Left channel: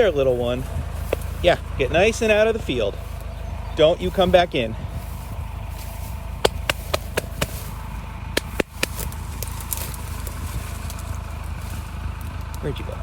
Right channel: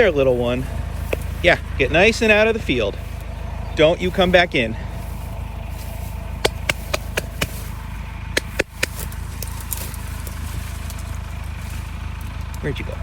there, little one. Yeah, get nice and out of the field. Don't you come back in. Where'd you go?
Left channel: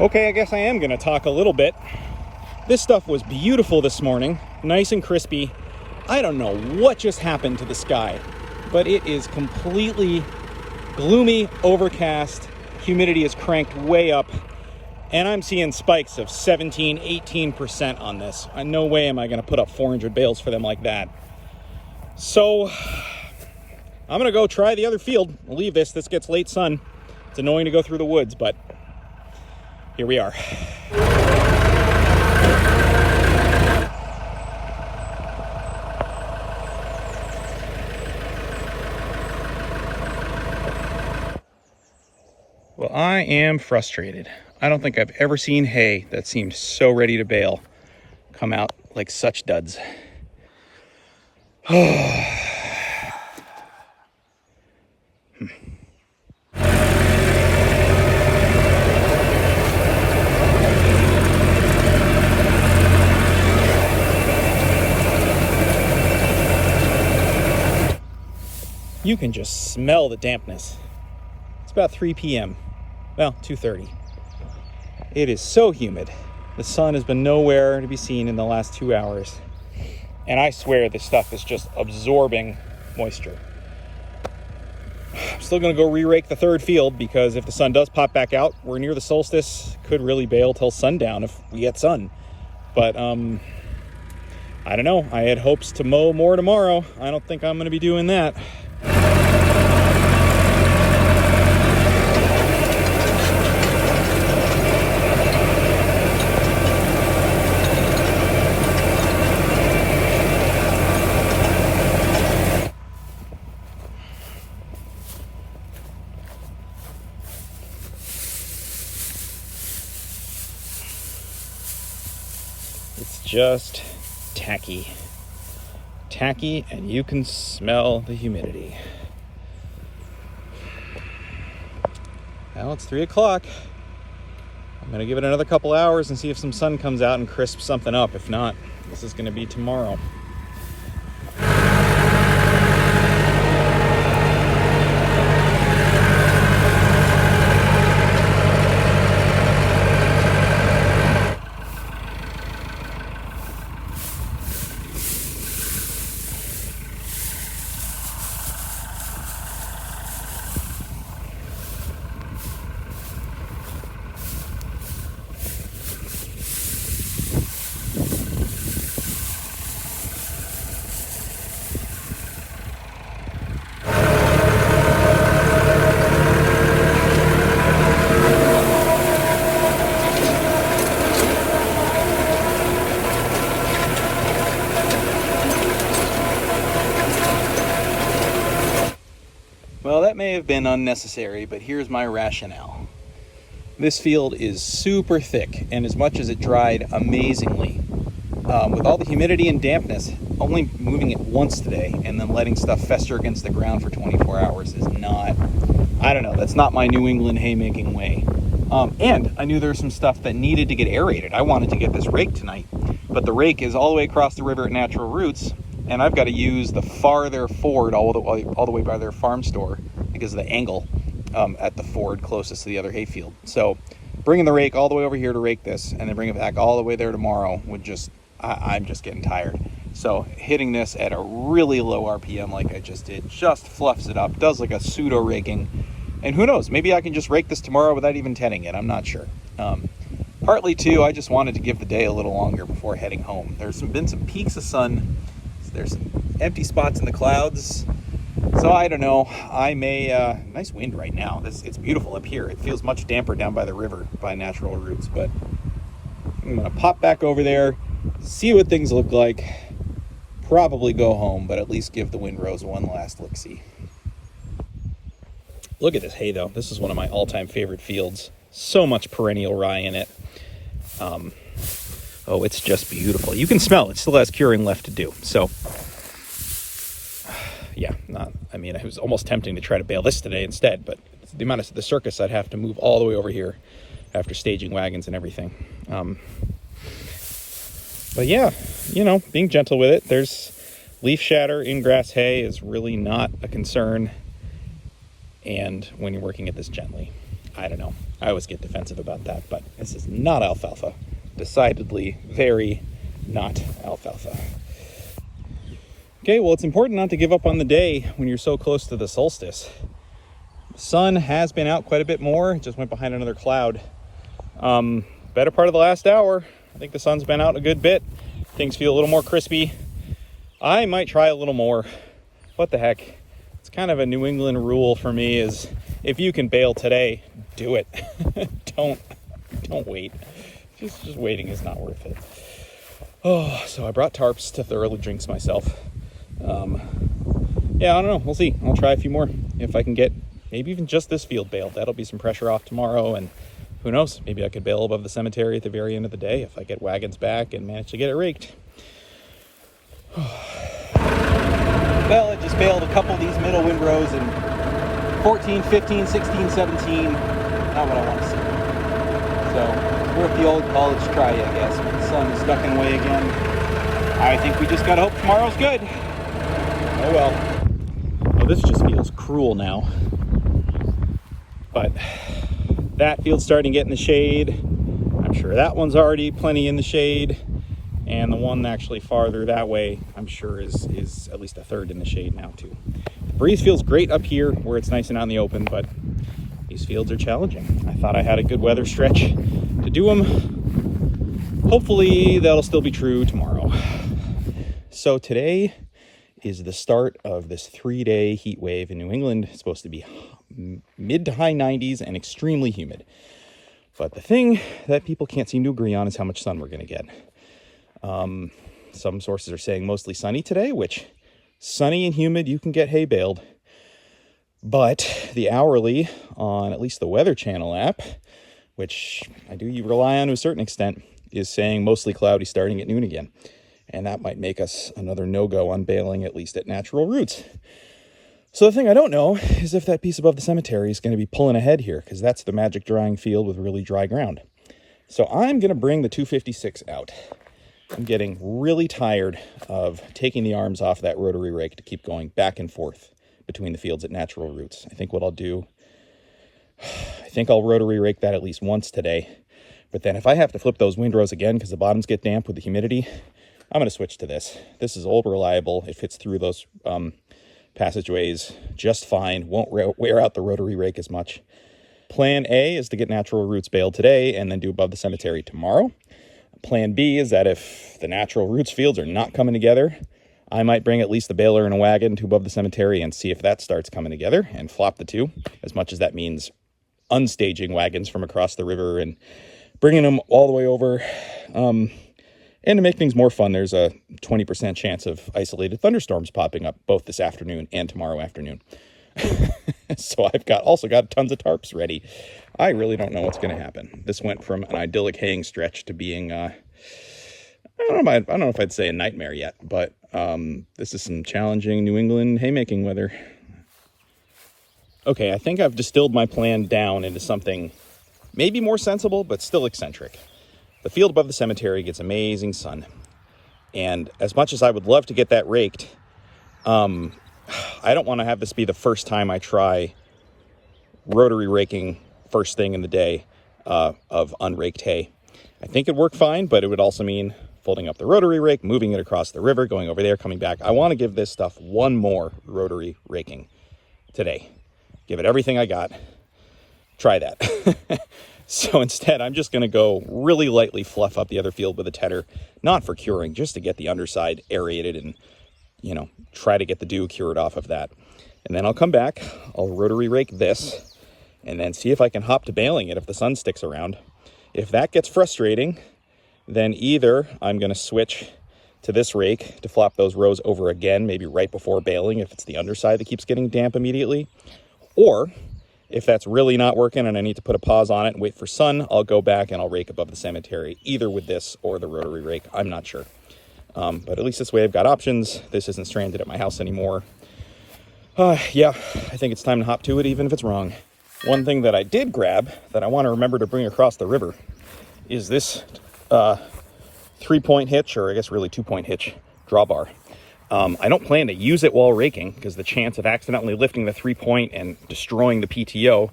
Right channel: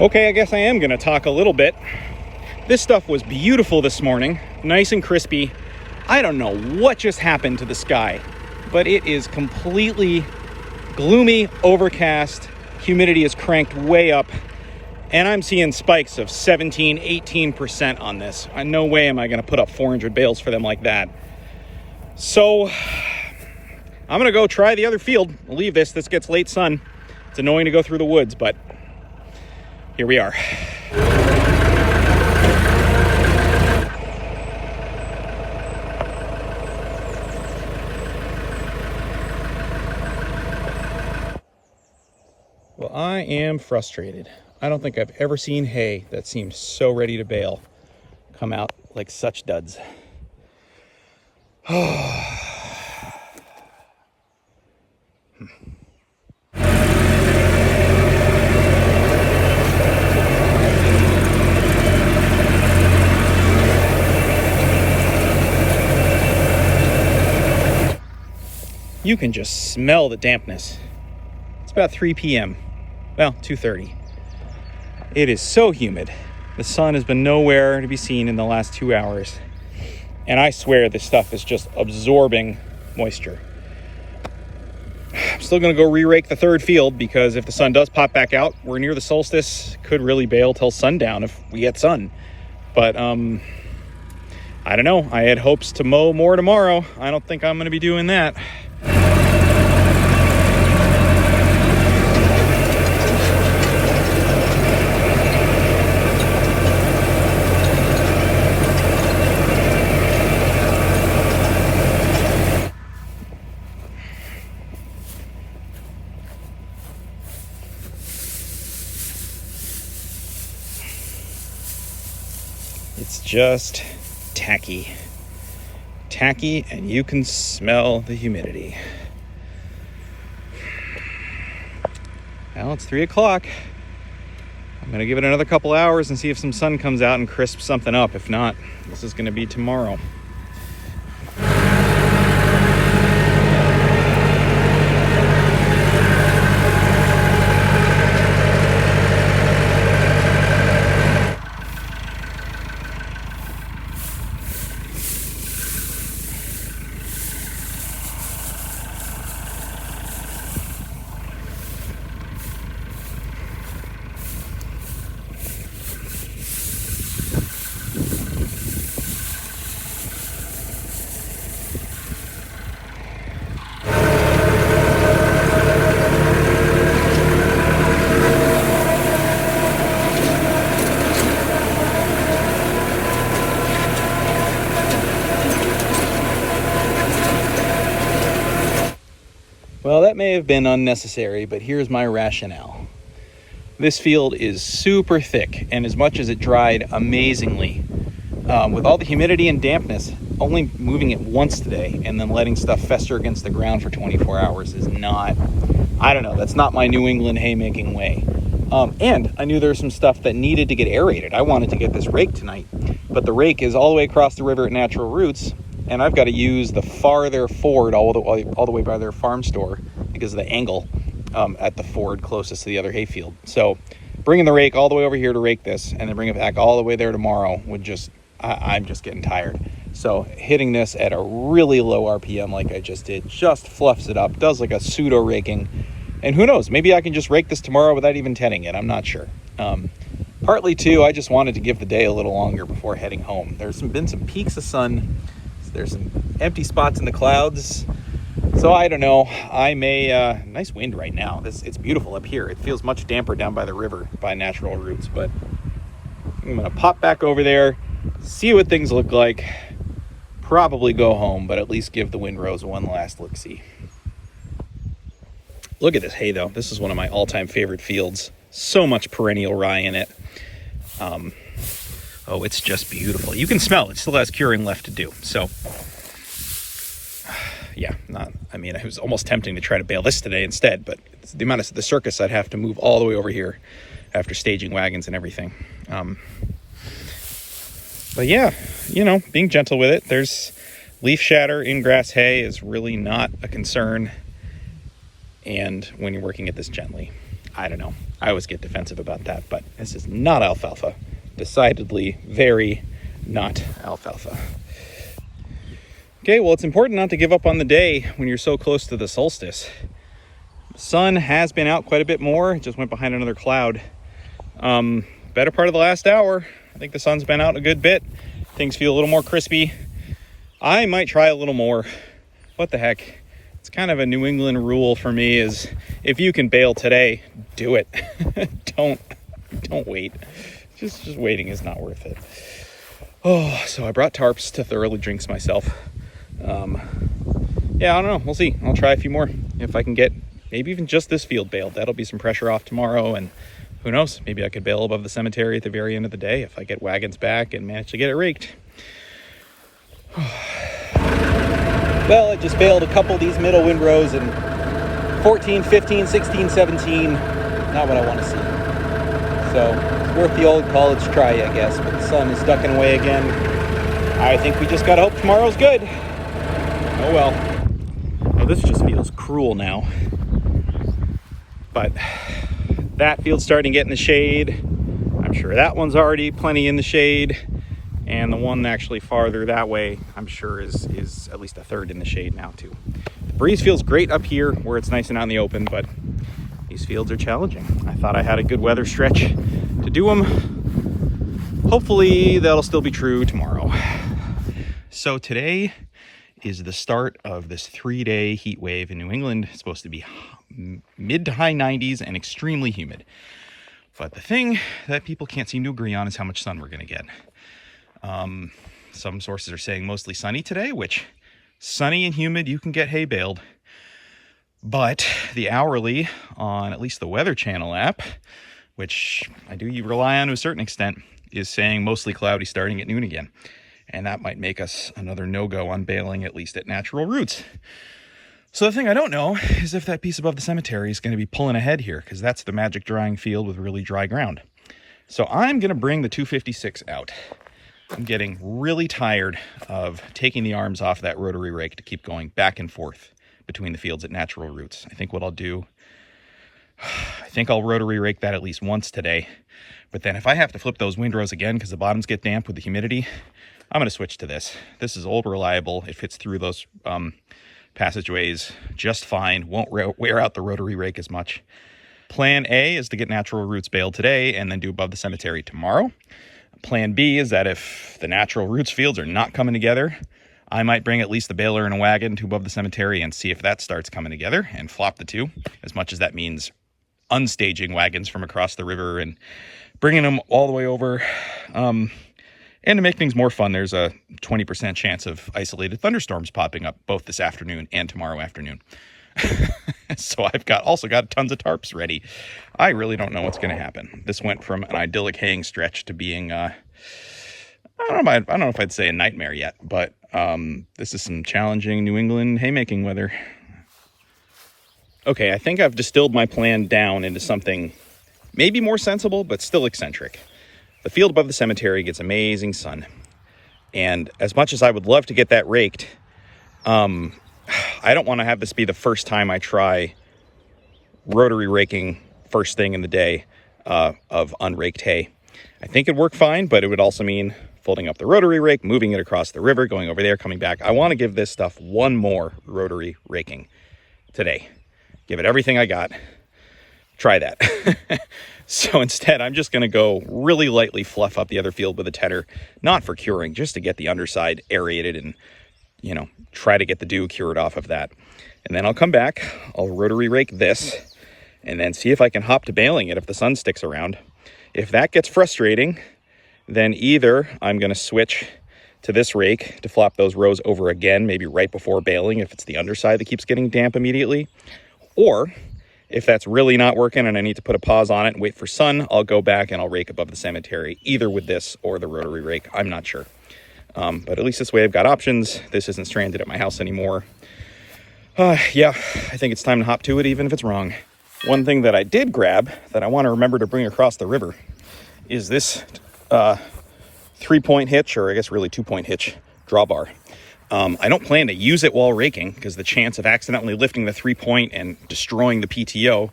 Okay, I guess I am going to talk a little bit. This stuff was beautiful this morning, nice and crispy. I don't know what just happened to the sky, but it is completely gloomy, overcast. Humidity is cranked way up, and I'm seeing spikes of 17, 18% on this. No way am I going to put up 400 bales for them like that. So I'm going to go try the other field. I'll leave this. This gets late sun. It's annoying to go through the woods, but here we are. Well, I am frustrated. I don't think I've ever seen hay that seemed so ready to bale come out like such duds. You can just smell the dampness. It's about 3 p.m. Well, 2:30. It is so humid. The sun has been nowhere to be seen in the last 2 hours. And I swear this stuff is just absorbing moisture. I'm still gonna go re-rake the third field because if the sun does pop back out, we're near the solstice, could really bale till sundown if we get sun. But I don't know. I had hopes to mow more tomorrow. I don't think I'm gonna be doing that. It's just tacky. Tacky, and you can smell the humidity. Well, it's 3 o'clock. I'm gonna give it another couple hours and see if some sun comes out and crisps something up. If not, this is gonna be tomorrow. Well, that may have been unnecessary, but here's my rationale. This field is super thick, and as much as it dried amazingly, with all the humidity and dampness, only moving it once today and then letting stuff fester against the ground for 24 hours is not, I don't know, that's not my New England haymaking way. And I knew there was some stuff that needed to get aerated. I wanted to get this rake tonight, but the rake is all the way across the river at Natural Roots, and I've got to use the farther ford all the way by their farm store because of the angle at the ford closest to the other hayfield. So bringing the rake all the way over here to rake this and then bring it back all the way there tomorrow would just, I'm just getting tired. So hitting this at a really low RPM like I just did just fluffs it up, does like a pseudo raking. And who knows, maybe I can just rake this tomorrow without even tenning it. I'm not sure. Partly too, I just wanted to give the day a little longer before heading home. There's been some peaks of sun. There's some empty spots in the clouds. So I don't know, I may, nice wind right now. It's beautiful up here. It feels much damper down by the river by Natural Roots, but I'm gonna pop back over there, see what things look like, probably go home, but at least give the Windrows one last look-see. Look at this hay though. This is one of my all-time favorite fields. So much perennial rye in it. Oh, it's just beautiful. You can smell it. Still has curing left to do. So, yeah, it was almost tempting to try to bale this today instead, but it's the amount of the circus I'd have to move all the way over here after staging wagons and everything. But yeah, being gentle with it. There's leaf shatter in grass hay is really not a concern. And when you're working at this gently, I don't know. I always get defensive about that, but this is not alfalfa. Decidedly very not alfalfa. Okay, well, it's important not to give up on the day when you're so close to the solstice. The sun has been out quite a bit more. It just went behind another cloud. Better part of the last hour. I think the sun's been out a good bit. Things feel a little more crispy. I might try a little more. What the heck? It's kind of a New England rule for me is if you can bale today, do it. Don't wait. Just waiting is not worth it. Oh, so I brought tarps to thoroughly jinx myself. Yeah, I don't know. We'll see. I'll try a few more. If I can get maybe even just this field baled, that'll be some pressure off tomorrow. And who knows? Maybe I could bale above the cemetery at the very end of the day if I get wagons back and manage to get it raked. Well, I just baled a couple of these middle windrows in 14, 15, 16, 17. Not what I want to see. So it's worth the old college try, I guess. But the sun is ducking away again. I think we just gotta hope tomorrow's good. Oh well. Oh, this just feels cruel now. But that field's starting to get in the shade. I'm sure that one's already plenty in the shade. And the one actually farther that way, I'm sure is at least a third in the shade now too. The breeze feels great up here where it's nice and out in the open, but these fields are challenging. I thought I had a good weather stretch to do them. Hopefully that'll still be true tomorrow. So today is the start of this 3-day heat wave in New England. It's supposed to be mid to high 90s and extremely humid. But the thing that people can't seem to agree on is how much sun we're going to get. Some sources are saying mostly sunny today, which sunny and humid, you can get hay baled. But the hourly on at least the Weather Channel app, which I do rely on to a certain extent, is saying mostly cloudy starting at noon again. And that might make us another no-go on baling, at least at natural roots. So the thing I don't know is if that piece above the cemetery is going to be pulling ahead here, because that's the magic drying field with really dry ground. So I'm going to bring the 256 out. I'm getting really tired of taking the arms off that rotary rake to keep going back and forth between the fields at natural roots. I think what I'll do, I think I'll rotary rake that at least once today. But then if I have to flip those windrows again because the bottoms get damp with the humidity, I'm going to switch to this. This is old, reliable. It fits through those passageways just fine. Won't wear out the rotary rake as much. Plan A is to get natural roots baled today and then do above the cemetery tomorrow. Plan B is that if the natural roots fields are not coming together, I might bring at least the baler in a wagon to above the cemetery and see if that starts coming together and flop the two, as much as that means unstaging wagons from across the river and bringing them all the way over. And to make things more fun, there's a 20% chance of isolated thunderstorms popping up both this afternoon and tomorrow afternoon. So I've also got tons of tarps ready. I really don't know what's going to happen. This went from an idyllic haying stretch to being, I don't know if I'd say a nightmare yet, but this is some challenging New England haymaking weather. Okay, I think I've distilled my plan down into something maybe more sensible, but still eccentric. The field above the cemetery gets amazing sun. And as much as I would love to get that raked, I don't want to have this be the first time I try rotary raking first thing in the day of unraked hay. I think it'd work fine, but it would also mean folding up the rotary rake, moving it across the river, going over there, coming back. I want to give this stuff one more rotary raking today. Give it everything I got. Try that. So instead, I'm just going to go really lightly fluff up the other field with a tedder, not for curing, just to get the underside aerated and, try to get the dew cured off of that. And then I'll come back, I'll rotary rake this, and then see if I can hop to baling it if the sun sticks around. If that gets frustrating, then either I'm going to switch to this rake to flop those rows over again, maybe right before baling if it's the underside that keeps getting damp immediately, or if that's really not working and I need to put a pause on it and wait for sun, I'll go back and I'll rake above the cemetery, either with this or the rotary rake. I'm not sure. But at least this way I've got options. This isn't stranded at my house anymore. Yeah, I think it's time to hop to it, even if it's wrong. One thing that I did grab that I want to remember to bring across the river is this 3-point hitch, or I guess really 2-point hitch drawbar. I don't plan to use it while raking because the chance of accidentally lifting the 3-point and destroying the PTO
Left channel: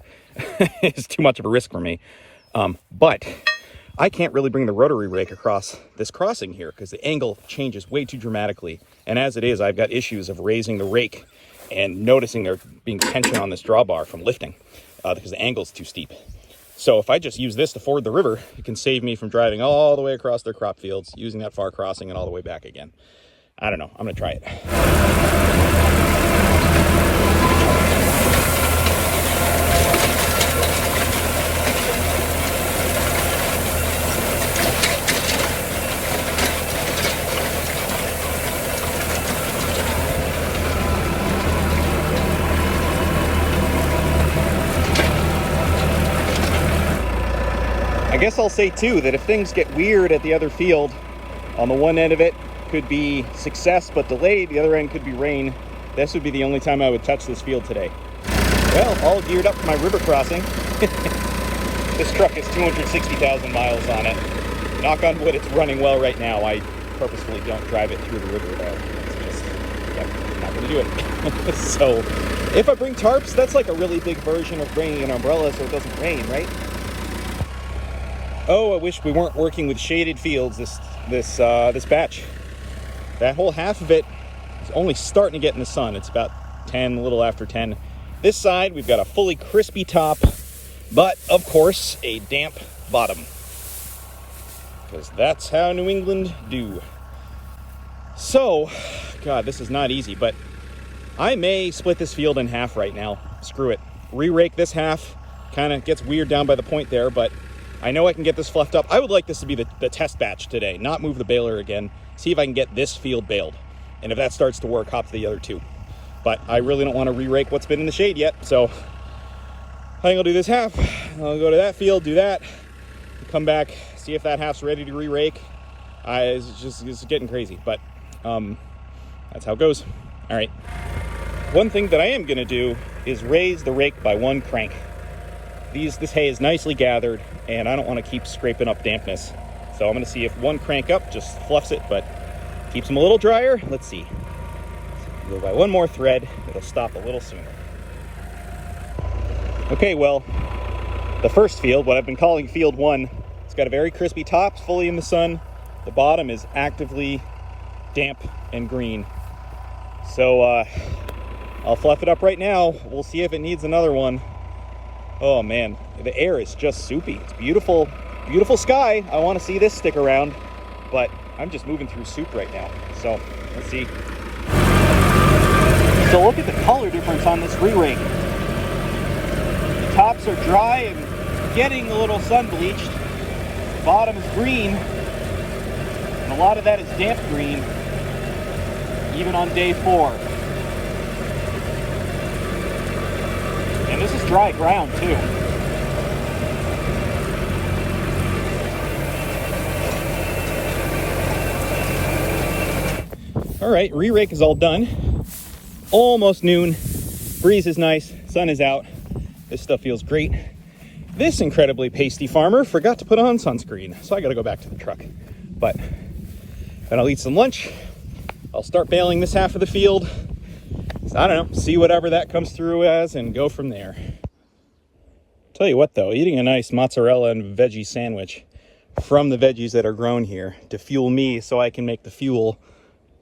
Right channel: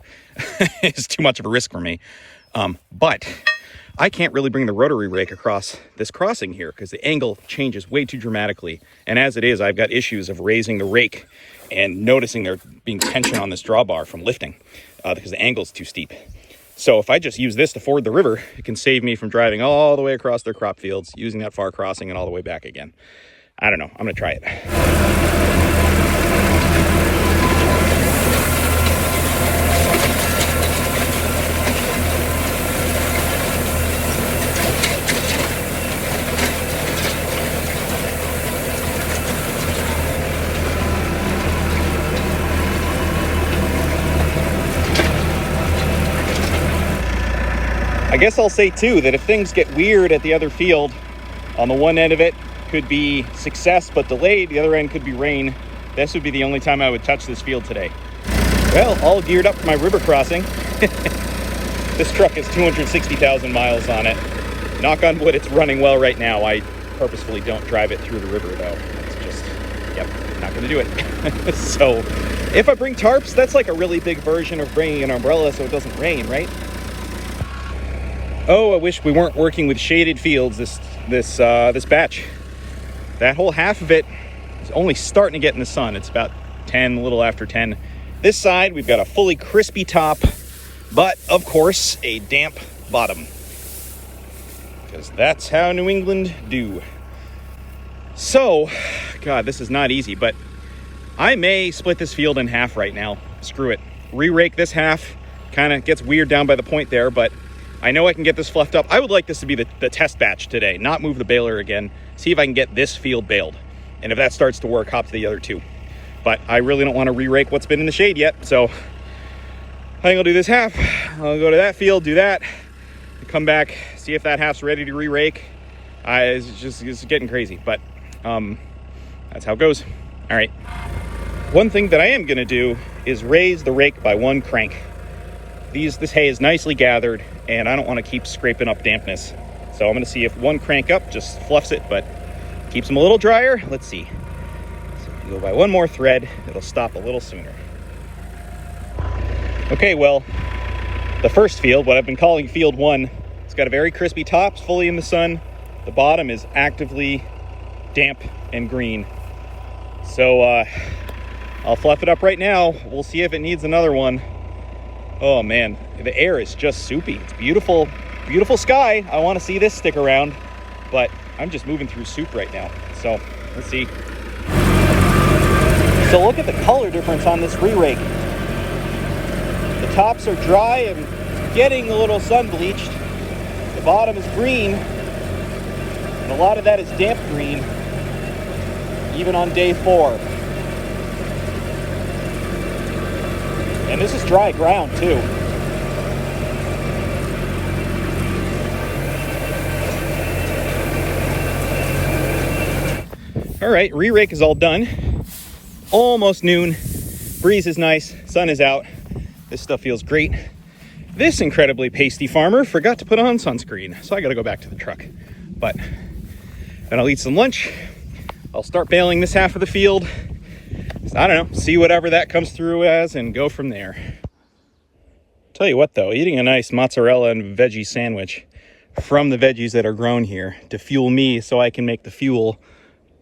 is too much of a risk for me. But I can't really bring the rotary rake across this crossing here because the angle changes way too dramatically. And as it is, I've got issues of raising the rake and noticing there being tension on this drawbar from lifting because the angle's too steep. So if I just use this to ford the river, it can save me from driving all the way across their crop fields, using that far crossing and all the way back again. I don't know. I'm going to try it. I guess I'll say too that if things get weird at the other field, on the one end of it could be success but delayed, the other end could be rain. This would be the only time I would touch this field today. Well, all geared up for my river crossing. This truck has 260,000 miles on it. Knock on wood, it's running well right now. I purposefully don't drive it through the river though. It's just, yep, not gonna do it. So, if I bring tarps, that's like a really big version of bringing an umbrella so it doesn't rain, right? Oh, I wish we weren't working with shaded fields this batch. That whole half of it is only starting to get in the sun. It's about 10, a little after 10. This side, we've got a fully crispy top, but of course, a damp bottom. Because that's how New England do. So, God, this is not easy, but I may split this field in half right now. Screw it. Re-rake this half. Kind of gets weird down by the point there, but I know I can get this fluffed up. I would like this to be the test batch today, not move the baler again. See if I can get this field baled. And if that starts to work, hop to the other two. But I really don't want to re-rake what's been in the shade yet. So I think I'll do this half. I'll go to that field, do that, come back, see if that half's ready to re-rake. It's getting crazy, but that's how it goes. All right. One thing that I am going to do is raise the rake by one crank. This hay is nicely gathered, and I don't want to keep scraping up dampness. So I'm going to see if one crank up just fluffs it, but keeps them a little drier. Let's see. So if we go by one more thread, it'll stop a little sooner. Okay, well, the first field, what I've been calling field 1, it's got a very crispy top, it's fully in the sun. The bottom is actively damp and green. So I'll fluff it up right now. We'll see if it needs another one. Oh man, the air is just soupy. It's beautiful, beautiful sky. I want to see this stick around, but I'm just moving through soup right now. So let's see. So look at the color difference on this re-rake. The tops are dry and getting a little sun bleached. The bottom is green, and a lot of that is damp green, even on day 4. And this is dry ground too. All right, re-rake is all done. Almost noon. Breeze is nice. Sun is out. This stuff feels great. This incredibly pasty farmer forgot to put on sunscreen, so I got to go back to the truck. But then I'll eat some lunch. I'll start baling this half of the field. I don't know, see whatever that comes through as and go from there. Tell you what though, eating a nice mozzarella and veggie sandwich from the veggies that are grown here to fuel me so I can make the fuel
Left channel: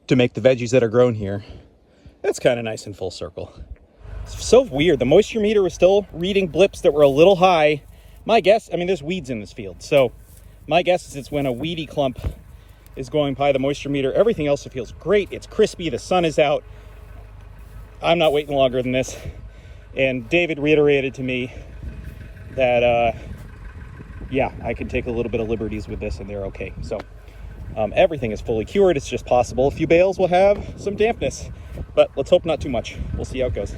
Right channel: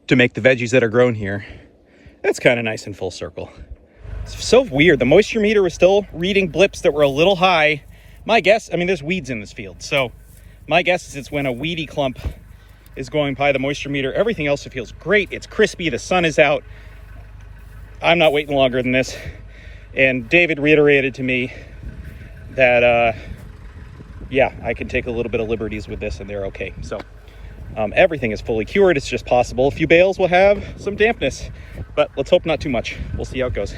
to make the veggies that are grown here, that's kind of nice and full circle. It's so weird, the moisture meter was still reading blips that were a little high. My guess, I mean there's weeds in this field, so my guess is it's when a weedy clump is going by the moisture meter. Everything else feels great, it's crispy, the sun is out. I'm not waiting longer than this. And David reiterated to me that, yeah, I can take a little bit of liberties with this and they're okay. So everything is fully cured. It's just possible a few bales will have some dampness, but let's hope not too much. We'll see how it goes.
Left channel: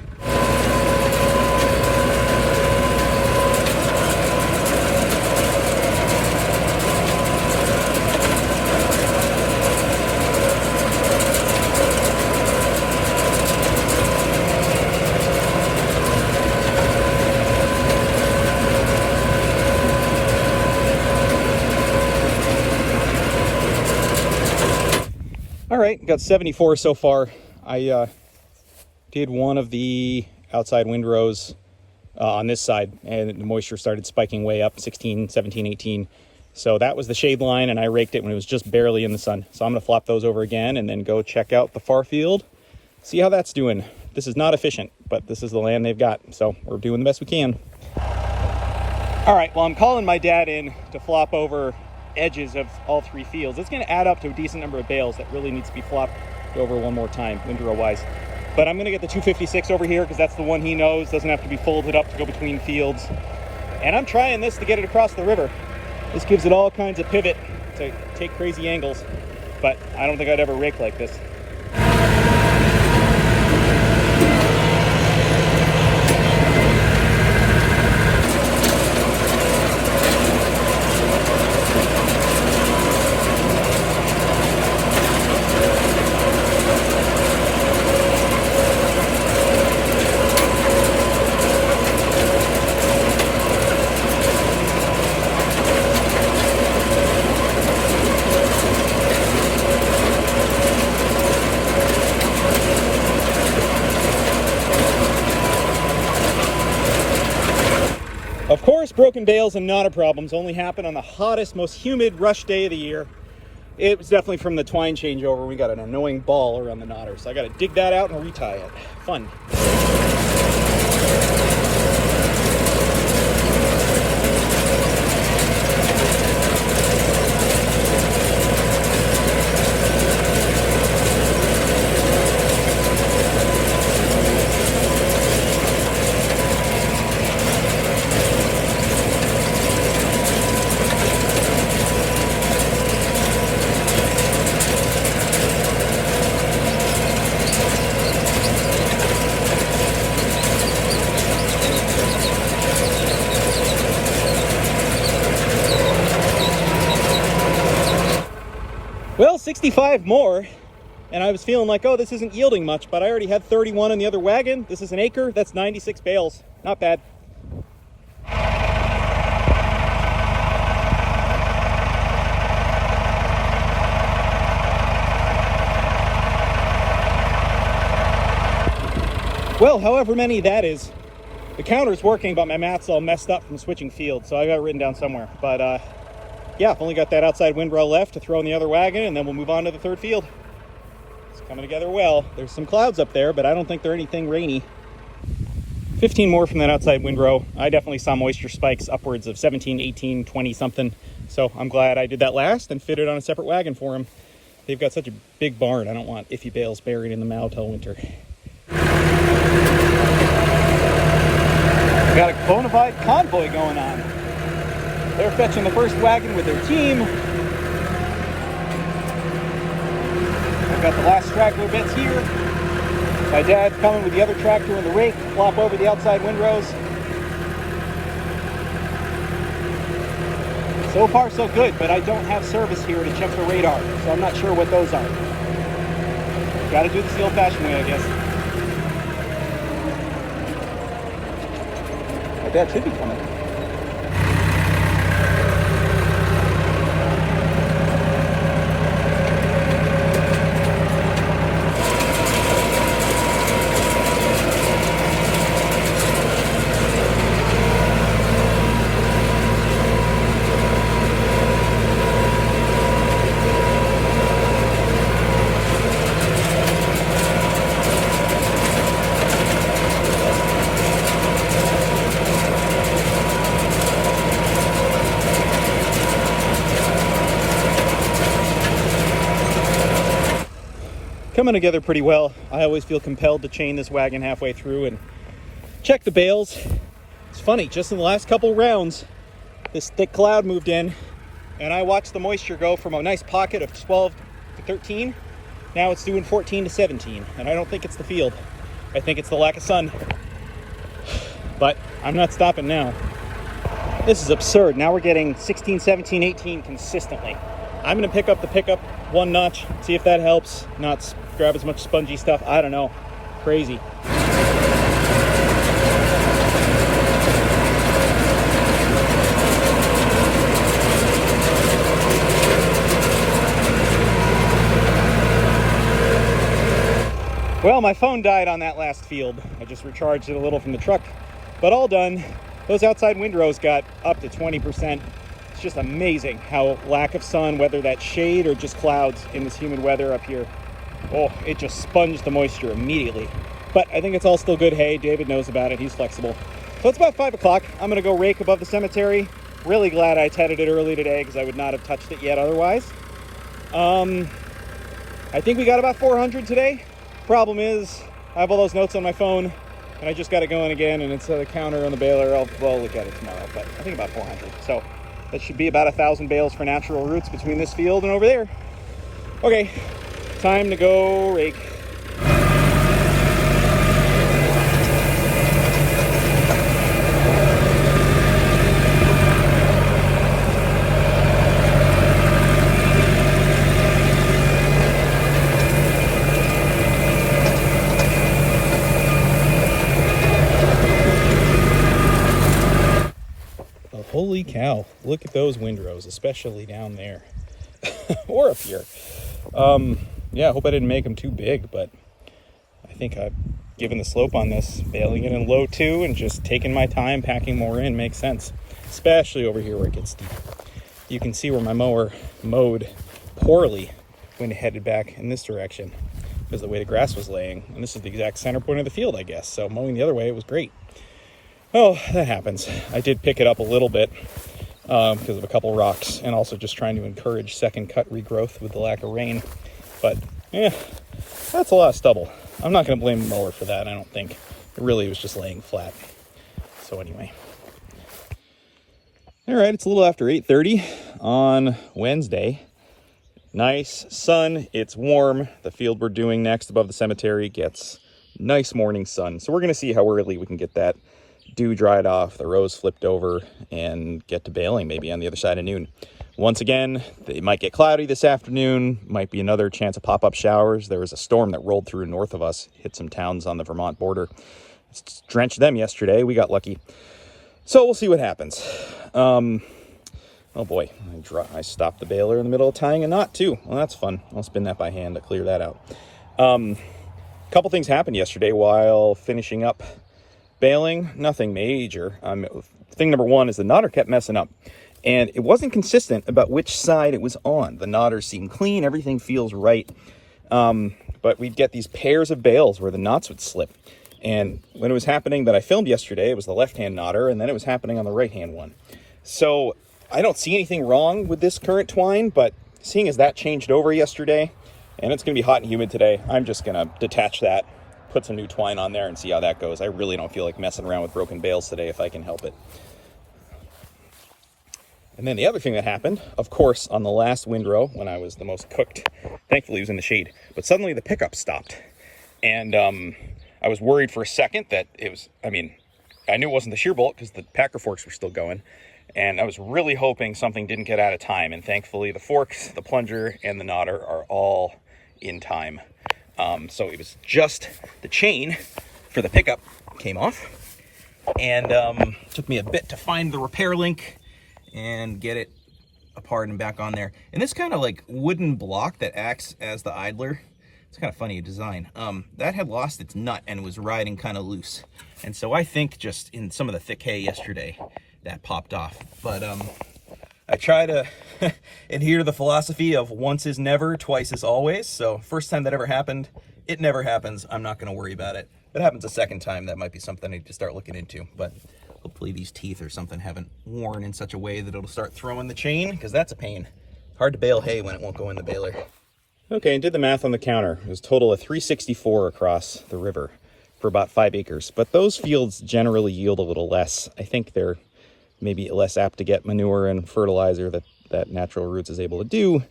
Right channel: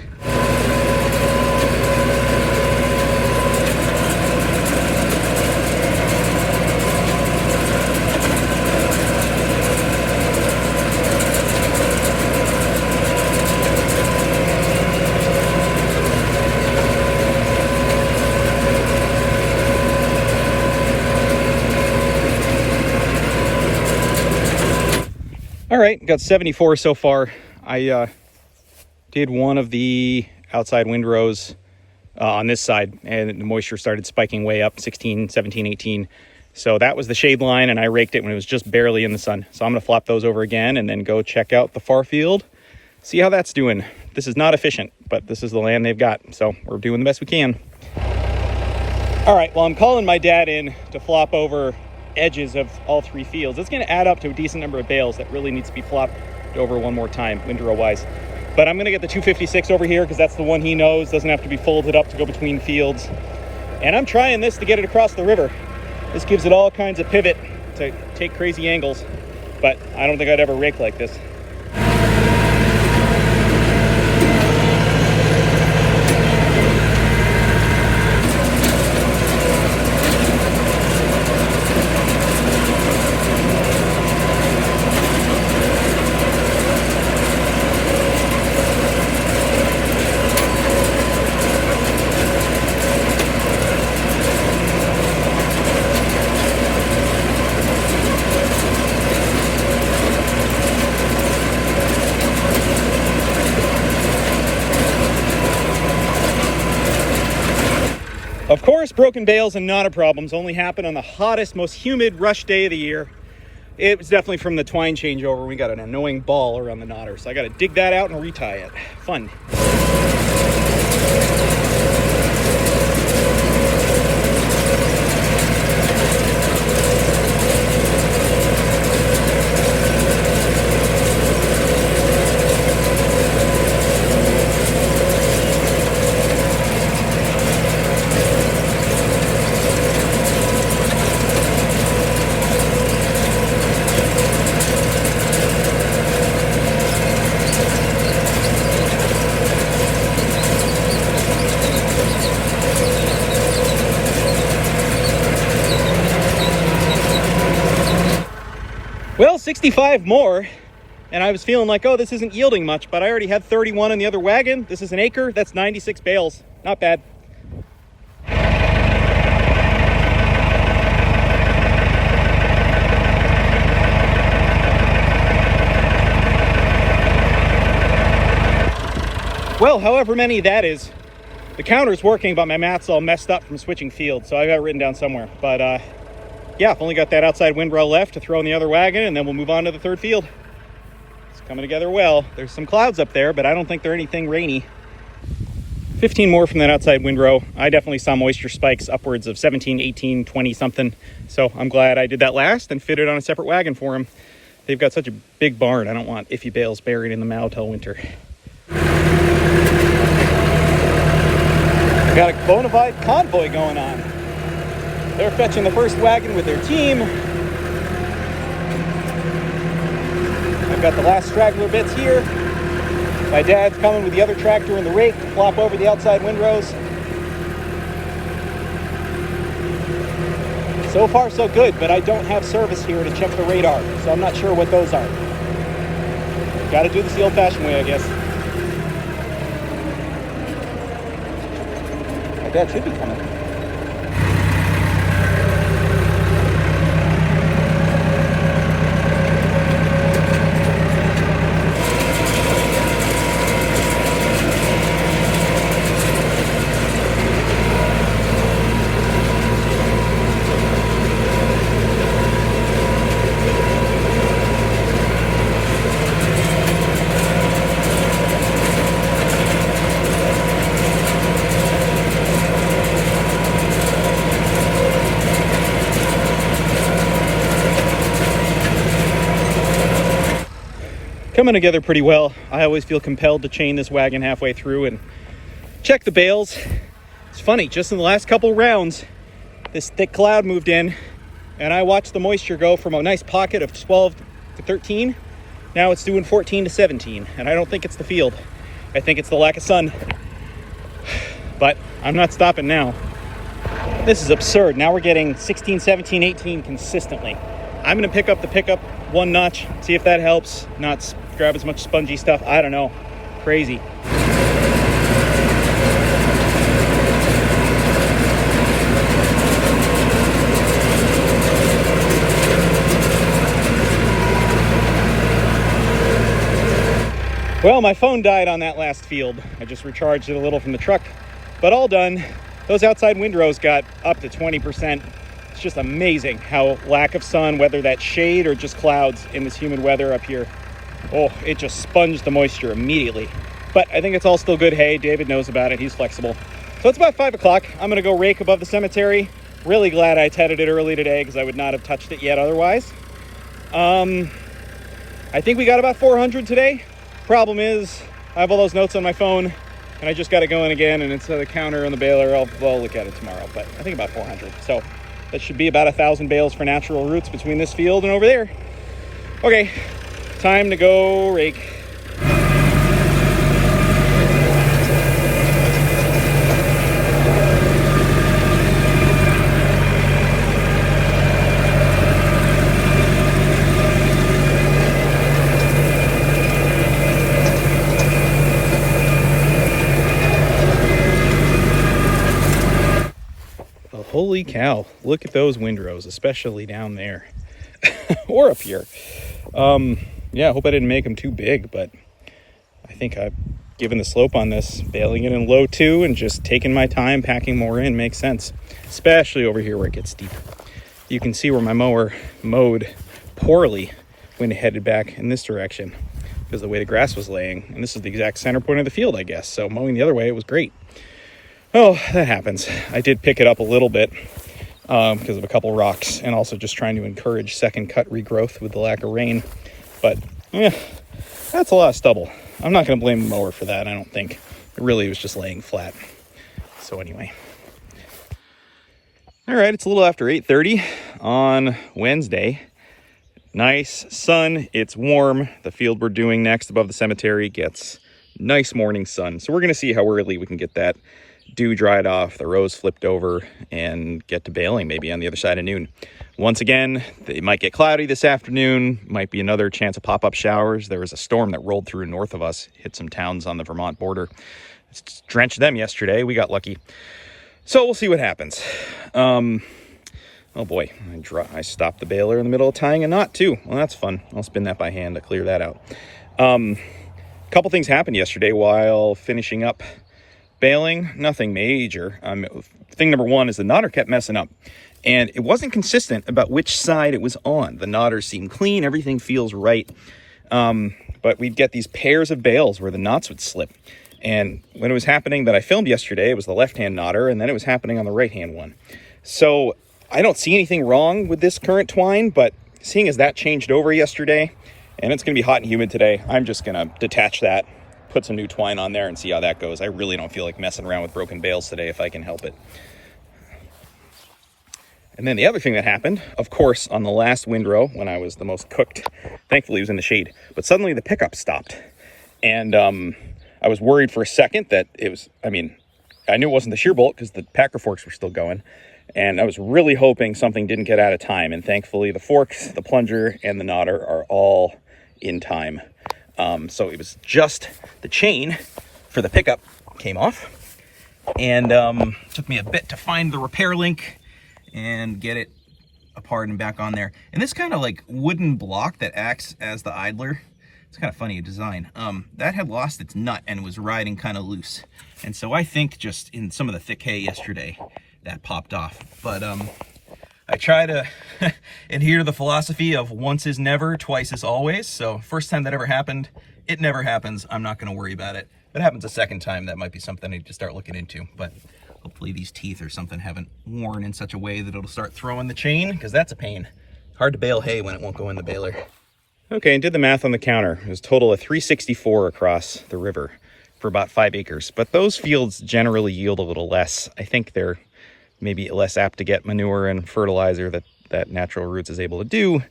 All right, got 74 so far. I did one of the outside windrows on this side, and the moisture started spiking way up, 16, 17, 18. So that was the shade line, and I raked it when it was just barely in the sun. So I'm going to flop those over again and then go check out the far field, see how that's doing. This is not efficient, but this is the land they've got, so we're doing the best we can. All right, well, I'm calling my dad in to flop over edges of all 3 fields. It's going to add up to a decent number of bales that really needs to be flopped over one more time, windrow-wise. But I'm going to get the 256 over here because that's the one he knows, doesn't have to be folded up to go between fields. And I'm trying this to get it across the river. This gives it all kinds of pivot to take crazy angles, but I don't think I'd ever rake like this. Of course, broken bales and knotter problems only happen on the hottest, most humid rush day of the year. It was definitely from the twine changeover. We got an annoying ball around the knotter, so I got to dig that out and retie it. Fun. Well, 65 more, and I was feeling like, oh, this isn't yielding much, but I already had 31 in the other wagon. This is an acre, that's 96 bales. Not bad. Well, however many that is, the counter's working, but my math's all messed up from switching fields, so I got it written down somewhere. But yeah, I've only got that outside windrow left to throw in the other wagon, and then we'll move on to the 3rd field. It's coming together well. There's some clouds up there, but I don't think they're anything rainy. 15 more from that outside windrow. I definitely saw moisture spikes upwards of 17, 18, 20 something. So I'm glad I did that last and fit it on a separate wagon for them. They've got such a big barn. I don't want iffy bales buried in the mow till winter. I've got a bona fide convoy going on. They're fetching the first wagon with their team. I've got the last straggler bits here. My dad's coming with the other tractor and the rake to flop over the outside windrows. So far so good, but I don't have service here to check the radar, so I'm not sure what those are. Gotta do this the old-fashioned way, I guess. My dad should be coming. Coming together pretty well. I always feel compelled to chain this wagon halfway through and check the bales. It's funny, just in the last couple rounds, this thick cloud moved in and I watched the moisture go from a nice pocket of 12 to 13. Now it's doing 14 to 17, and I don't think it's the field. I think it's the lack of sun. But I'm not stopping now. This is absurd. Now we're getting 16, 17, 18 consistently. I'm gonna pick up the pickup one notch, see if that helps. Not grab as much spongy stuff. I don't know. Crazy. Well, my phone died on that last field. I just recharged it a little from the truck. but all done. Those outside windrows got up to 20%. It's just amazing how lack of sun, whether that's shade or just clouds in this humid weather up here, oh, it just sponged the moisture immediately. But I think it's all still good hay. David knows about it. He's flexible. So it's about 5 o'clock. I'm going to go rake above the cemetery. Really glad I tedded it early today because I would not have touched it yet otherwise. I think we got about 400 today. Problem is, I have all those notes on my phone, and I just got it going again, and it's a counter on the baler. I'll look at it tomorrow, but I think about 400. So that should be about 1,000 bales for natural roots between this field and over there. Okay, time to go rake. Holy cow, look at those windrows, especially down there or up here. Yeah, I hope I didn't make them too big, but I think I've given the slope on this, baling it in low 2 and just taking my time, packing more in makes sense, especially over here where it gets steep. You can see where my mower mowed poorly when it headed back in this direction because of the way the grass was laying. And this is the exact center point of the field, I guess. So mowing the other way, it was great. Oh, that happens. I did pick it up a little bit because of a couple rocks and also just trying to encourage second cut regrowth with the lack of rain. But yeah, that's a lot of stubble. I'm not going to blame the mower for that, I don't think. It really was just laying flat. So anyway. All right, it's a little after 8:30 on Wednesday. Nice sun, it's warm. The field we're doing next above the cemetery gets nice morning sun. So we're going to see how early we can get that dew dried off, the rows flipped over, and get to baling maybe on the other side of noon. Once again, it might get cloudy this afternoon, might be another chance of pop-up showers. There was a storm that rolled through north of us, hit some towns on the Vermont border. It's drenched them yesterday, we got lucky. So we'll see what happens. Oh boy, I stopped the baler in the middle of tying a knot too. Well, that's fun. I'll spin that by hand to clear that out. A couple things happened yesterday while finishing up baling, nothing major. Thing number one is the knotter kept messing up, and it wasn't consistent about which side it was on. The knotters seem clean, everything feels right, but we'd get these pairs of bales where the knots would slip. And when it was happening that I filmed yesterday, it was the left-hand knotter, and then it was happening on the right-hand one. So I don't see anything wrong with this current twine, but seeing as that changed over yesterday, and it's going to be hot and humid today, I'm just going to detach that, put some new twine on there and see how that goes. I really don't feel like messing around with broken bales today if I can help it. And then the other thing that happened, of course, on the last windrow when I was the most cooked, thankfully it was in the shade, but suddenly the pickup stopped. And I was worried for a second that it was, I knew it wasn't the shear bolt because the packer forks were still going. And I was really hoping something didn't get out of time. And thankfully the forks, the plunger, and the knotter are all in time. So it was just the chain for the pickup came off, and took me a bit to find the repair link and get it apart and back on there. And this kind of like wooden block that acts as the idler, it's kind of funny design, that had lost its nut and was riding kind of loose. And so I think just in some of the thick hay yesterday that popped off. But I try to adhere to the philosophy of once is never, twice is always. So first time that ever happened, it never happens. I'm not going to worry about it. If it happens a second time, that might be something I need to start looking into. But hopefully these teeth or something haven't worn in such a way that it'll start throwing the chain, because that's a pain. Hard to bale hay when it won't go in the baler. Okay, and did the math on the counter. It was a total of 364 across the river for about 5 acres. But those fields generally yield a little less. I think they're maybe less apt to get manure and fertilizer that Natural Roots is able to do.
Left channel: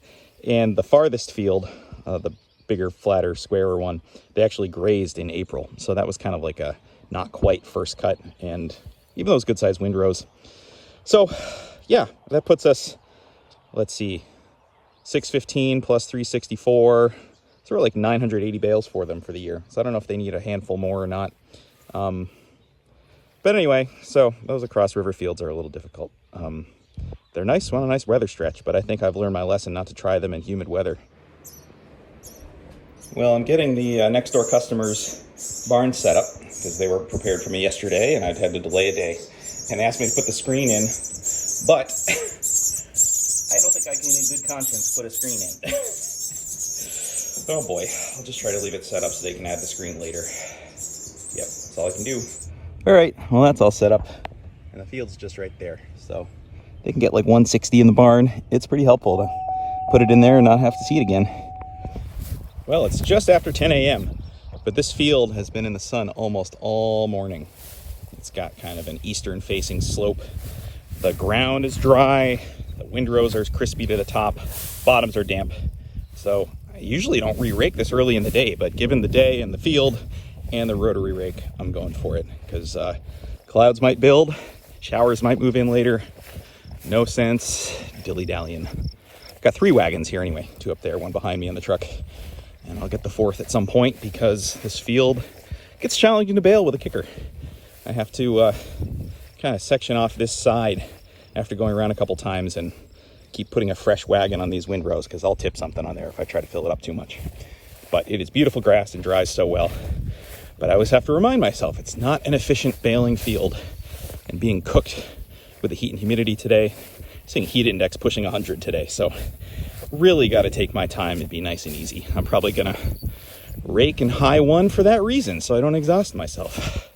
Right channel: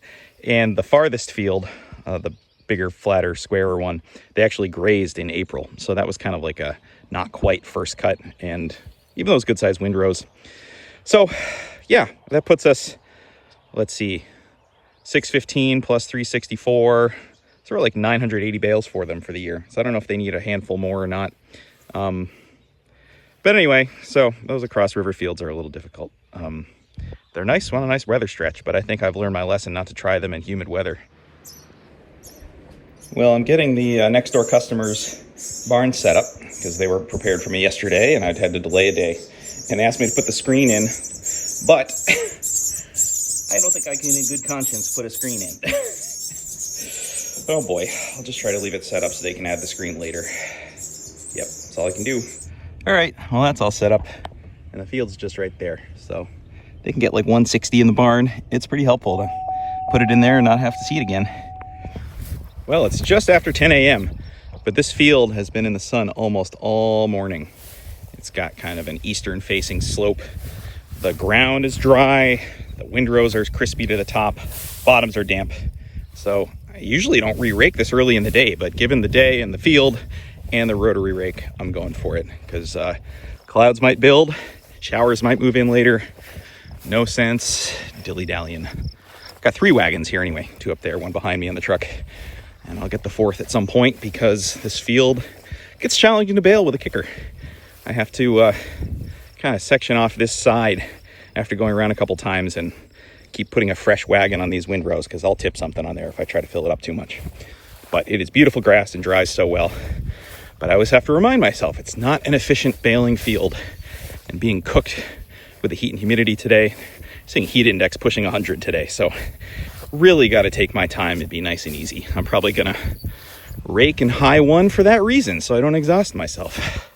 And the farthest field, the bigger, flatter, squarer one, they actually grazed in April. So that was kind of like a not quite first cut, and even those good sized windrows. So yeah, that puts us, let's see, 615 plus 364. So we're like 980 bales for them for the year. So I don't know if they need a handful more or not. But anyway, so those across river fields are a little difficult. They're nice, want a nice weather stretch, but I think I've learned my lesson not to try them in humid weather. Well, I'm getting the next door customers barn setup because they were prepared for me yesterday and I'd had to delay a day, and asked me to put the screen in, but I don't think I can in good conscience put a screen in. Oh boy, I'll just try to leave it set up so they can add the screen later. Yep, that's all I can do. All right, well, that's all set up and the field's just right there, so they can get like 160 in the barn. It's pretty helpful to put it in there and not have to see it again. Well, it's just after 10 a.m., but this field has been in the sun almost all morning. It's got kind of an eastern facing slope. The ground is dry, the windrows are crispy to the top, bottoms are damp. So I usually don't re-rake this early in the day, but given the day and the field and the rotary rake, I'm going for it because clouds might build, showers might move in later. No sense dilly-dallying. Got 3 wagons here anyway, 2 up there, 1 behind me in the truck. And I'll get the 4th at some point because this field gets challenging to bale with a kicker. I have to kind of section off this side after going around a couple times and keep putting a fresh wagon on these windrows because I'll tip something on there if I try to fill it up too much. But it is beautiful grass and dries so well. But I always have to remind myself it's not an efficient baling field, and being cooked with the heat and humidity today, seeing heat index pushing 100 today, so really got to take my time and be nice and easy. I'm probably gonna rake and high one for that reason, so I don't exhaust myself.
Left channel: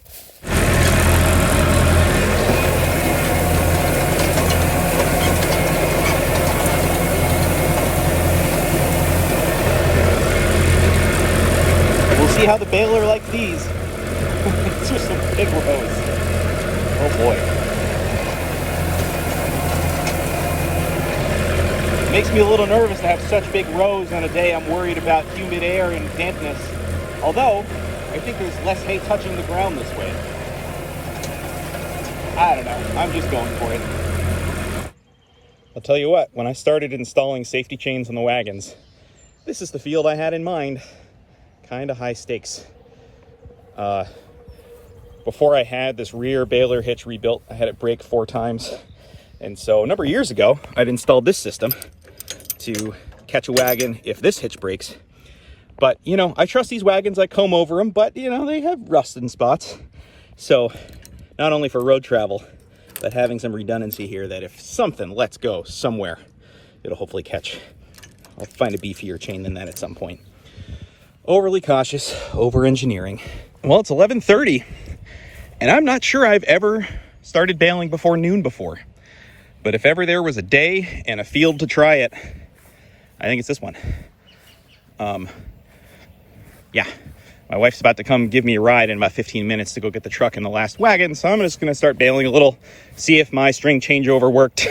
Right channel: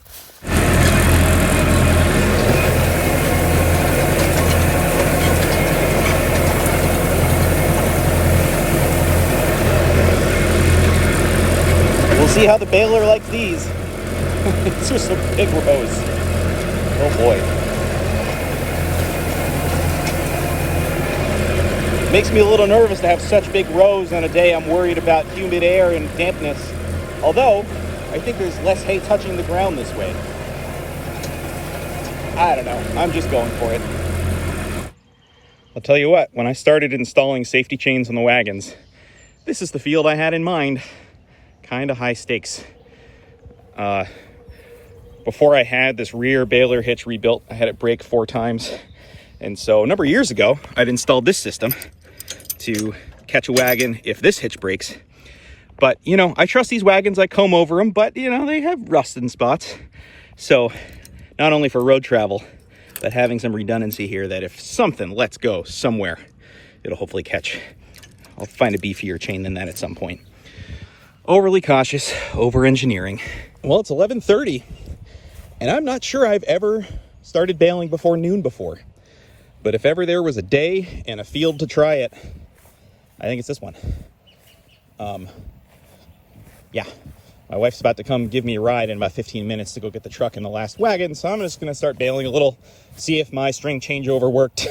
See how the baler likes these. It's just some big rows. Oh boy. Makes me a little nervous to have such big rows on a day I'm worried about humid air and dampness. Although, I think there's less hay touching the ground this way. I don't know. I'm just going for it. I'll tell you what, when I started installing safety chains on the wagons, this is the field I had in mind. Kind of high stakes. Before I had this rear baler hitch rebuilt, I had it break 4 times. And so a number of years ago, I'd installed this system to catch a wagon if this hitch breaks. But, you know, I trust these wagons, I comb over them, but, you know, they have rusted spots. So not only for road travel, but having some redundancy here that if something lets go somewhere, it'll hopefully catch. I'll find a beefier chain than that at some point. Overly cautious, over-engineering. Well, it's 11:30, and I'm not sure I've ever started baling before noon before. But if ever there was a day and a field to try it, I think it's this one. Yeah, my wife's about to come give me a ride in about 15 minutes to go get the truck in the last wagon, so I'm just going to start baling a little, see if my string changeover worked,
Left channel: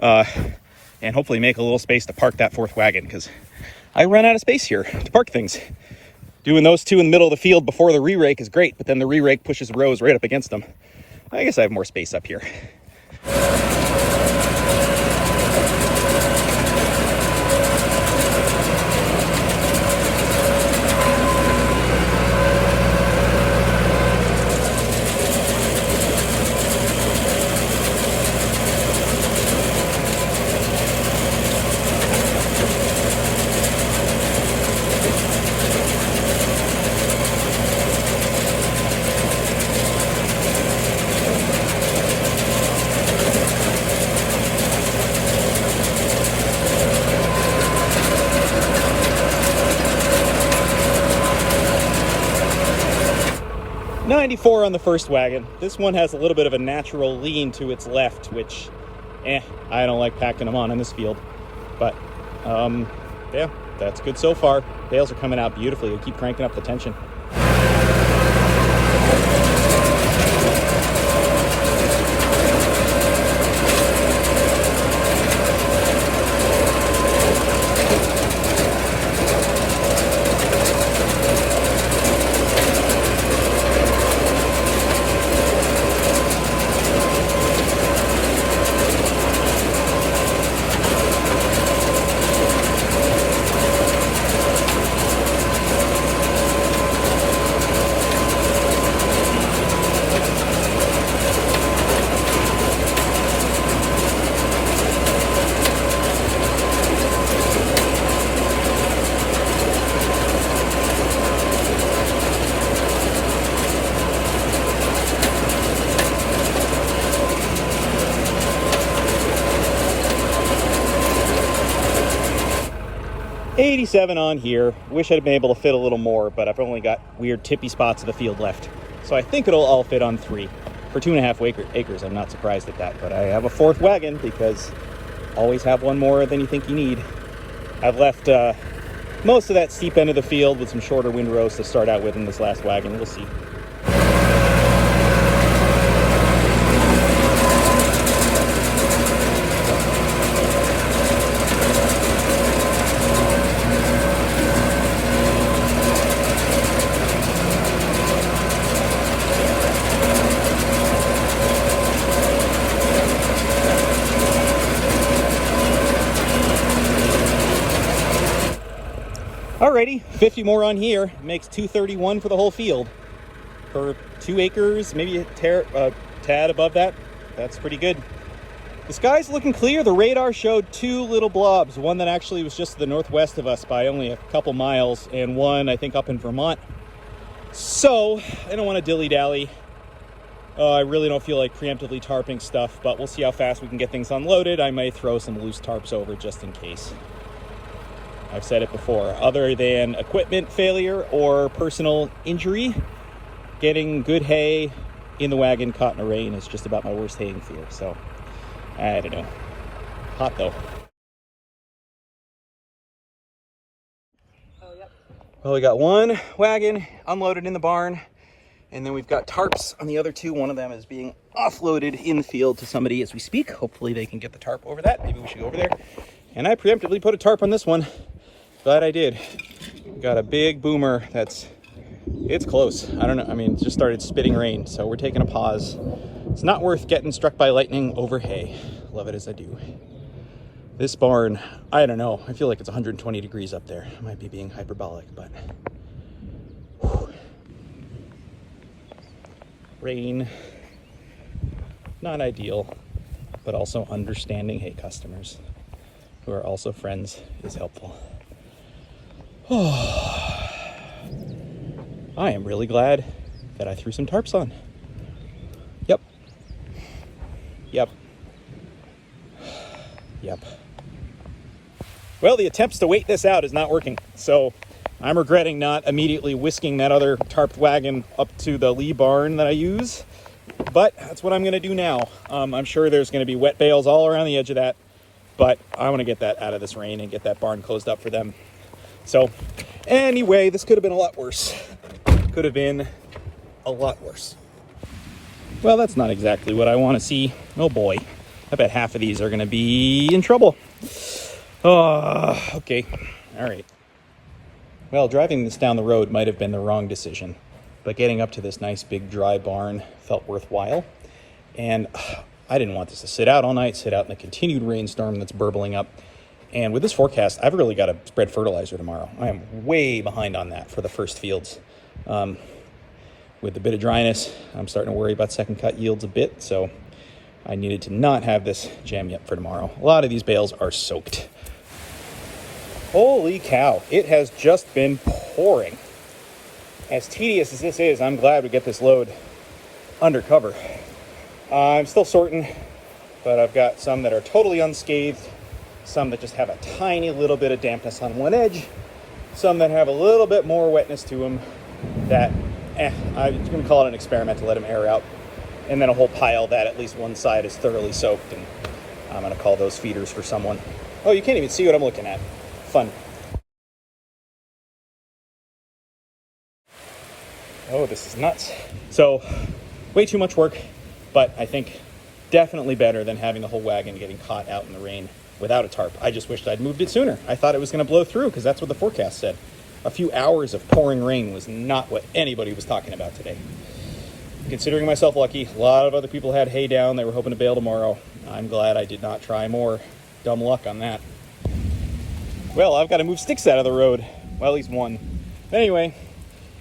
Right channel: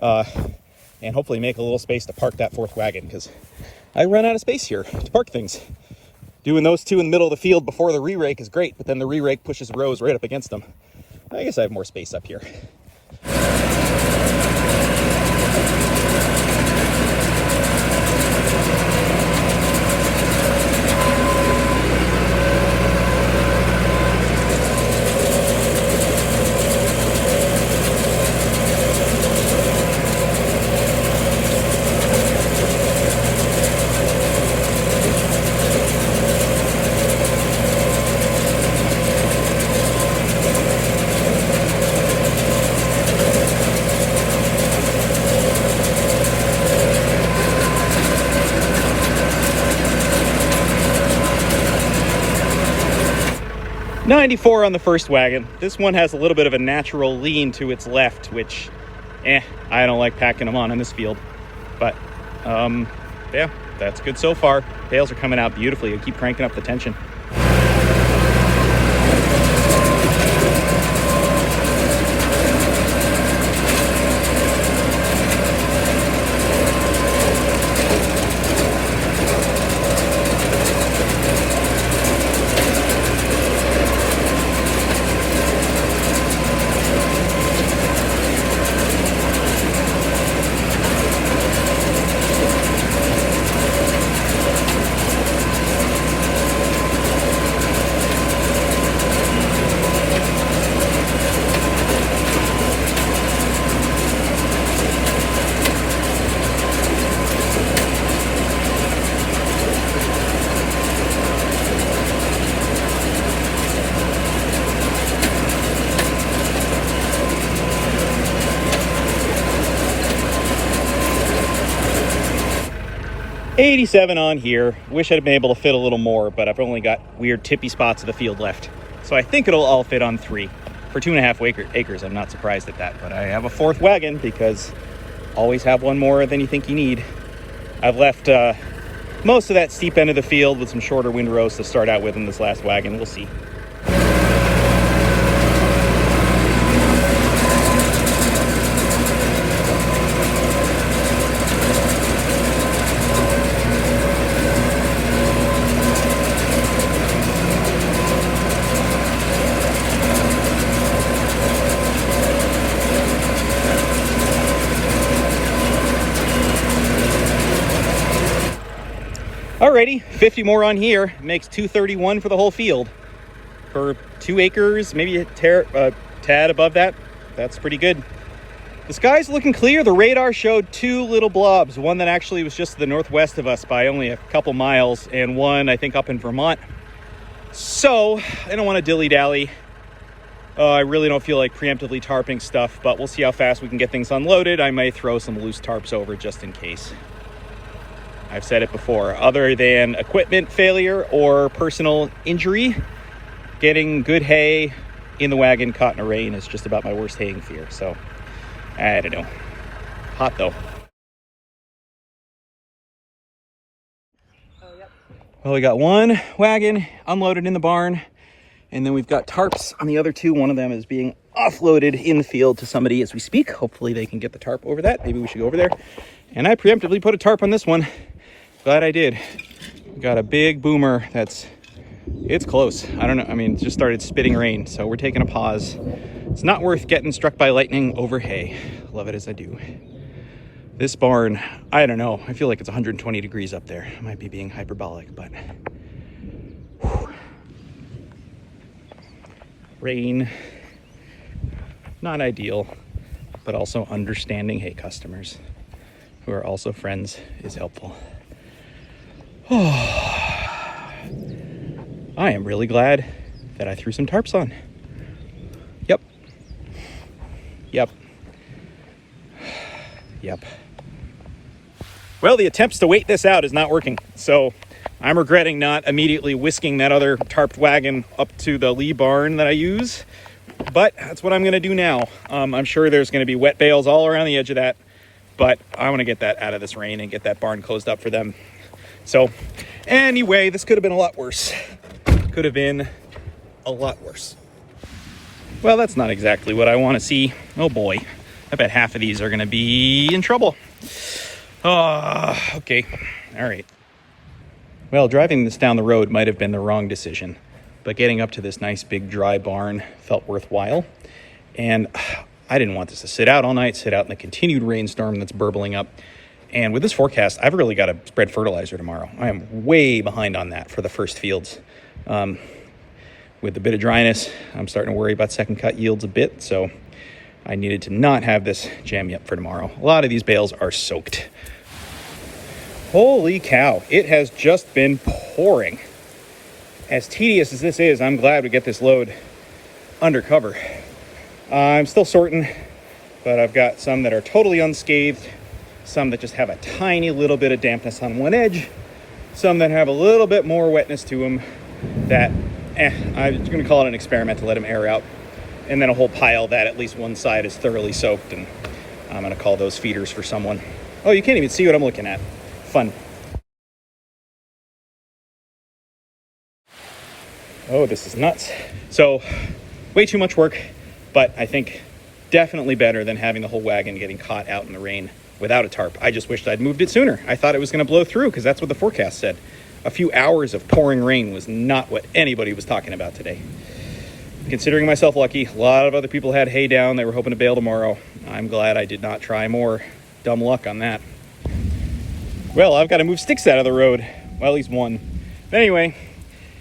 and hopefully make a little space to park that 4th wagon, because I run out of space here to park things. Doing those 2 in the middle of the field before the re-rake is great, but then the re-rake pushes the rows right up against them. I guess I have more space up here. .94 on the first wagon. This one has a little bit of a natural lean to its left, which, I don't like packing them on in this field. But, yeah, that's good so far. Bales are coming out beautifully. I keep cranking up the tension. 87 on here. Wish I'd been able to fit a little more, but I've only got weird tippy spots of the field left. So I think it'll all fit on 3. For 2.5 acres, I'm not surprised at that, but I have a 4th wagon because always have one more than you think you need. I've left most of that steep end of the field with some shorter windrows to start out with in this last wagon. We'll see. Alrighty, 50 more on here. Makes 231 for the whole field. For 2 acres, maybe a tad above that. That's pretty good. The sky's looking clear. The radar showed 2 little blobs. One that actually was just to the northwest of us by only a couple miles, and one, I think, up in Vermont. So, I don't want to dilly-dally. I really don't feel like preemptively tarping stuff, but we'll see how fast we can get things unloaded. I may throw some loose tarps over just in case. I've said it before, other than equipment failure or personal injury, getting good hay in the wagon caught in a rain is just about my worst haying fear. So, I don't know. Hot though. Well, we got 1 wagon unloaded in the barn, and then we've got tarps on the other 2. One of them is being offloaded in the field to somebody as we speak. Hopefully they can get the tarp over that. Maybe we should go over there. And I preemptively put a tarp on this one. Glad I did. Got a big boomer it's close. I don't know. I mean, it just started spitting rain, so we're taking a pause. It's not worth getting struck by lightning over hay. Love it as I do. This barn, I don't know. I feel like it's 120 degrees up there. I might be being hyperbolic, but whew. Rain, not ideal, but also understanding hay customers who are also friends is helpful. I am really glad that I threw some tarps on. Yep. Well, the attempts to wait this out is not working, so I'm regretting not immediately whisking that other tarped wagon up to the lee barn that I use, but that's what I'm going to do now. I'm sure there's going to be wet bales all around the edge of that, but I want to get that out of this rain and get that barn closed up for them. So anyway, this could have been a lot worse. Could have been a lot worse. Well, that's not exactly what I want to see. Oh boy, I bet half of these are going to be in trouble. Okay, all right. Well, driving this down the road might have been the wrong decision, but getting up to this nice big dry barn felt worthwhile. And I didn't want this to sit out all night, sit out in the continued rainstorm that's burbling up. And with this forecast, I've really got to spread fertilizer tomorrow. I am way behind on that for the first fields. With the bit of dryness, I'm starting to worry about second cut yields a bit, so I needed to not have this jammy up for tomorrow. A lot of these bales are soaked. Holy cow, it has just been pouring. As tedious as this is, I'm glad we get this load under cover. I'm still sorting, but I've got some that are totally unscathed, some that just have a tiny little bit of dampness on one edge, some that have a little bit more wetness to them that, I'm going to call it an experiment to let them air out, and then a whole pile that at least one side is thoroughly soaked, and I'm going to call those feeders for someone. Oh, you can't even see what I'm looking at. Fun. Oh, this is nuts. So, way too much work, but I think definitely better than having the whole wagon getting caught out in the rain without a tarp. I just wished I'd moved it sooner. I thought it was going to blow through because that's what the forecast said. A few hours of pouring rain was not what anybody was talking about today. Considering myself lucky, a lot of other people had hay down. They were hoping to bale tomorrow. I'm glad I did not try more. Dumb luck on that. Well, I've got to move sticks out of the road. Well, at least one. But anyway,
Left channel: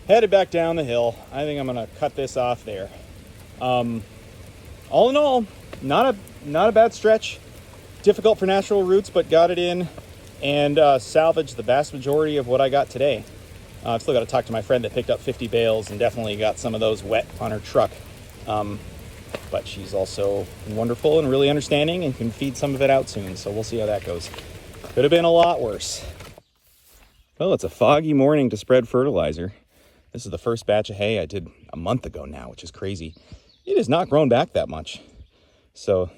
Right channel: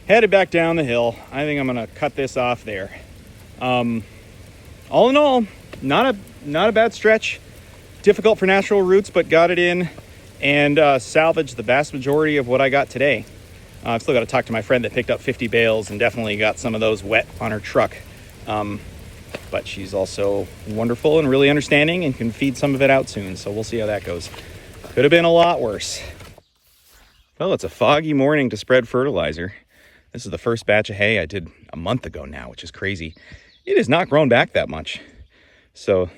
headed back down the hill. I think I'm going to cut this off there. All in all, not a bad stretch. Difficult for natural roots, but got it in and salvaged the vast majority of what I got today. I've still got to talk to my friend that picked up 50 bales and definitely got some of those wet on her truck. But she's also wonderful and really understanding and can feed some of it out soon. So we'll see how that goes. Could have been a lot worse. Well, it's a foggy morning to spread fertilizer. This is the first batch of hay I did a month ago now, which is crazy. It has not grown back that much. So,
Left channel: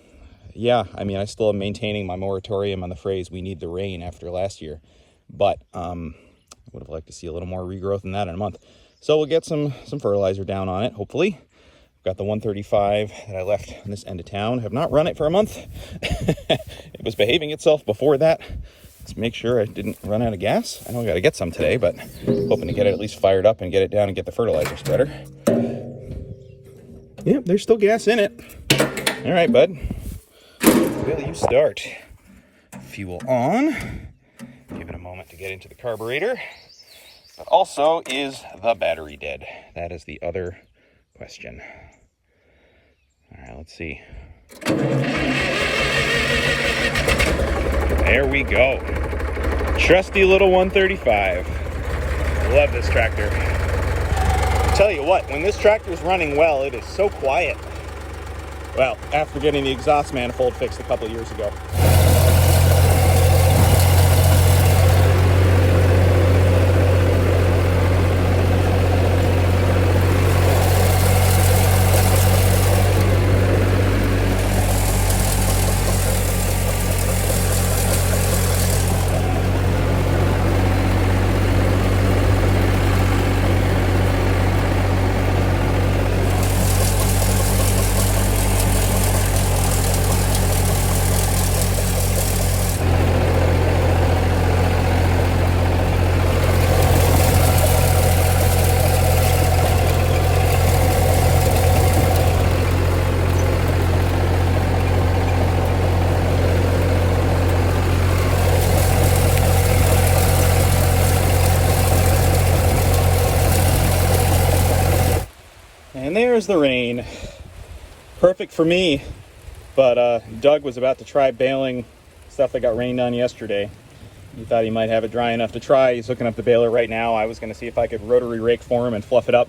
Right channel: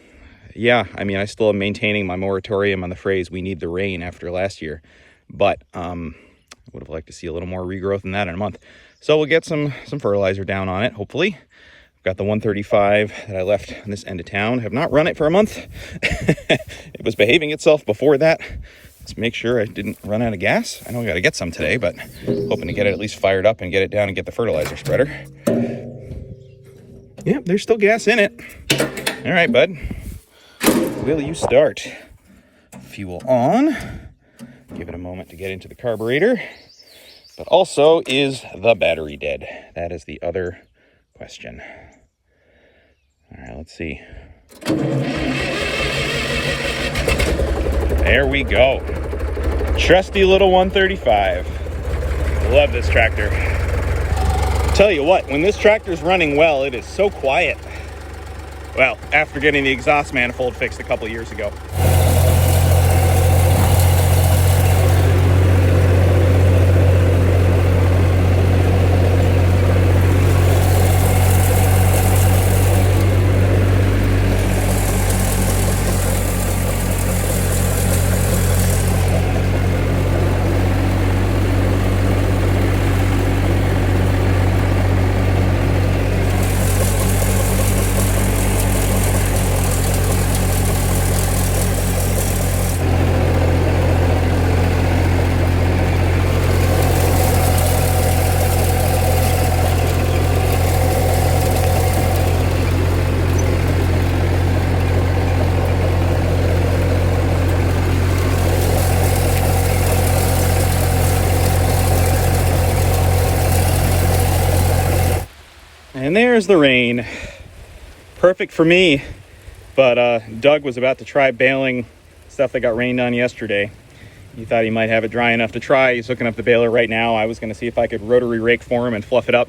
yeah, I mean, I still am maintaining my moratorium on the phrase, we need the rain after last year. But would have liked to see a little more regrowth than that in a month. So we'll get some fertilizer down on it, hopefully. I've got the 135 that I left on this end of town. Have not run it for a month. It was behaving itself before that. Let's make sure I didn't run out of gas. I know I got to get some today, but hoping to get it at least fired up and get it down and get the fertilizer spreader. Yep, there's still gas in it. All right, bud. Will you start? Fuel on. Give it a moment to get into the carburetor. But also, is the battery dead? That is the other question. All right, let's see. There we go. Trusty little 135. Love this tractor. I'll tell you what, when this tractor's running well, it is so quiet. Well, after getting the exhaust manifold fixed a couple years ago. And there's the rain. Perfect for me, but Doug was about to try baling stuff that got rained on yesterday. He thought he might have it dry enough to try. He's hooking up the baler right now. I was going to see if I could rotary rake for him and fluff it up.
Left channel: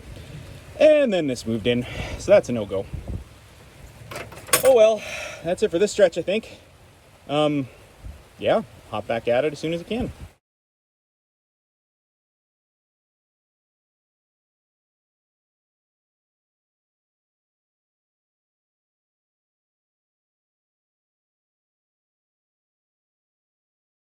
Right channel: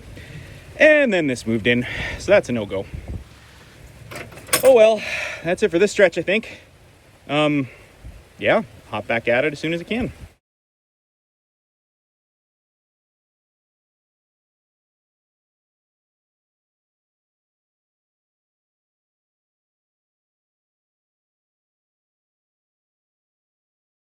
And then this moved in, so that's a no-go. Oh well, that's it for this stretch, I think. Yeah, hop back at it as soon as I can.